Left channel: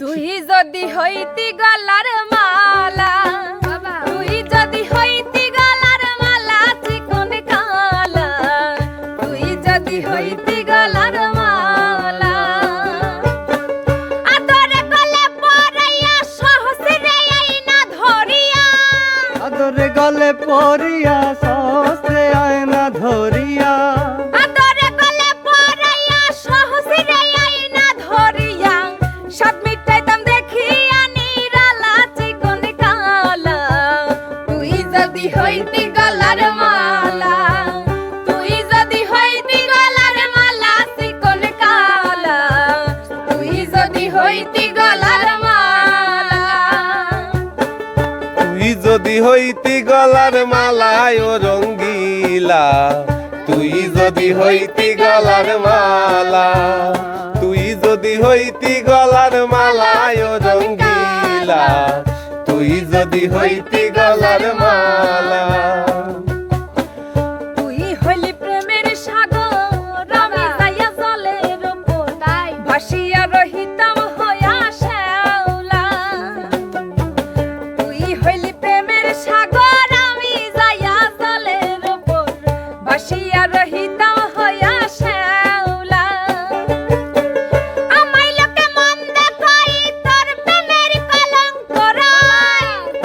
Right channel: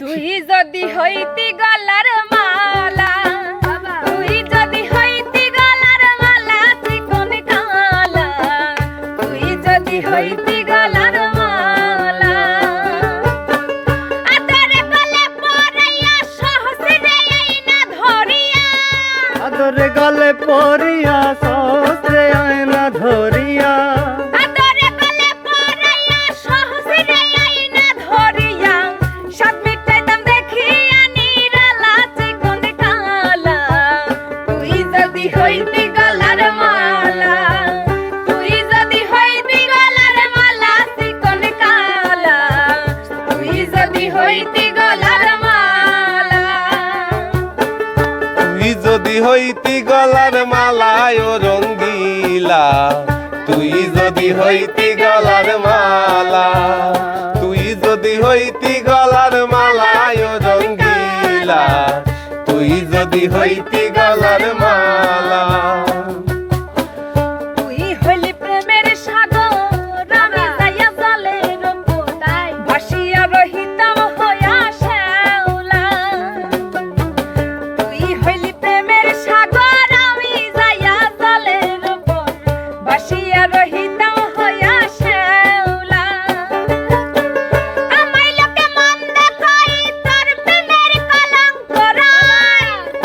তুই যদি হইতি গলার মালা তুই যদি হইতি গলার মালা চিকন কালা তুই যদি হইতি গলার মালা। আদরে গলে পরাইয়া সহসরে আইনা ধরিয়া। আদরে গলে পরিয়া সহস্রে আয়না ধরিয়া। হইতি গলার মালা। যদি হইতি গলার মালা, চিকন কালা। তুই যদি হইতি গলার মালা। ও রঙ্গিলা। তুই যদি হইতি গলার মালা। তুই যদি হইতি গলার মালায় ও রঙ্গিলা। তুই যদি হইতি গলার মালা।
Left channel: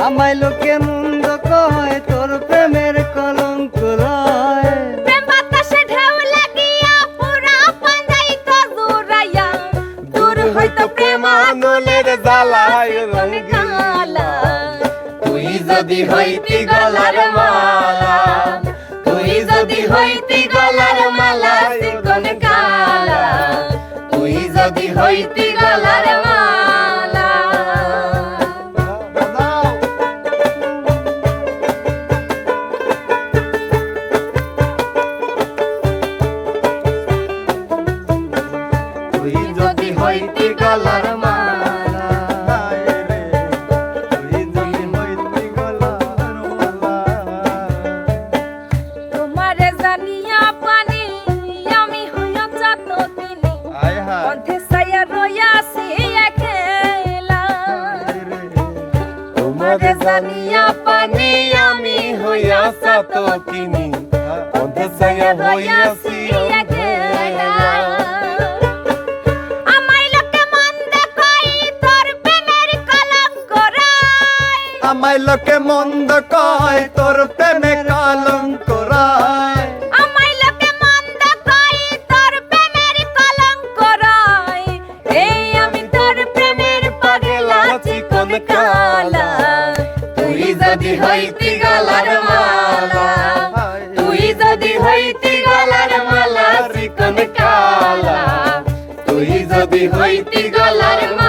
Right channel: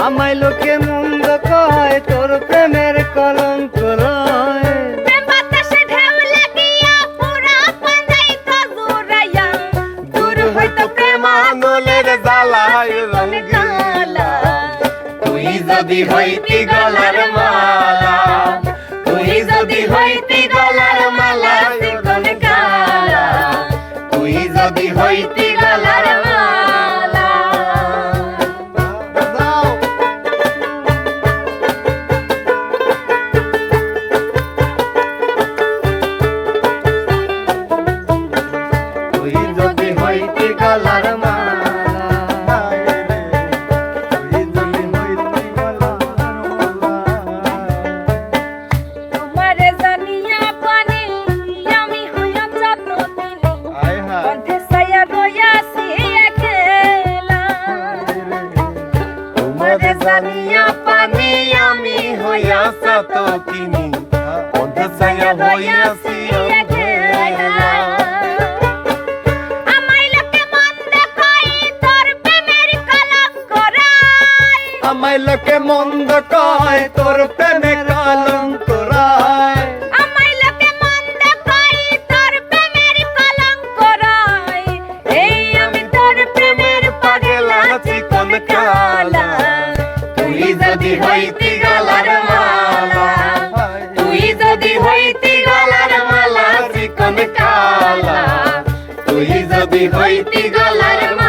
আমায় লোকে মন্দ কয় তোর প্রেমের কলঙ্ক রয় দূর হইতো প্রেমানলের জ্বালায় রঙ্গিলা তুই যদি হইতি গলার মালা তুই যদি হইতি গলার মালা তুই যদি হইতি গলার তুই যদি হইতি গলার মালা রে, তুই যদি হইতি গলার মালা। তোমারে জানিয়া পানি আমি হইয়া চাত দিনে আয় সায়া তোমারে জানিয়া পানি আমি হইয়া সাত কিনি অন্তসায়া হইয়াছি অন্ধেলা আমায় আমায় লোকে মন্দ কয়, তোর প্রেমে কলঙ্ক তুই যদি হইতি গলার মালা, তুই যদি হইতি গলার মালা কালা। তুই যদি হইতি গলার মালা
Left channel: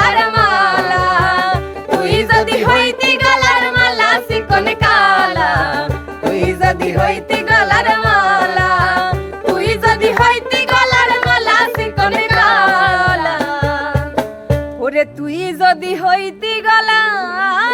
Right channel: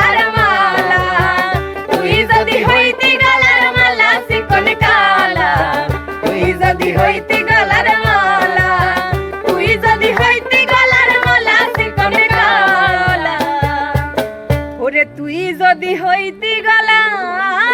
যদি হইতি গলার মালা, তুই যদি হইতি গলার মালা সিকন গলা। ওরে তুই যদি হইতি গলার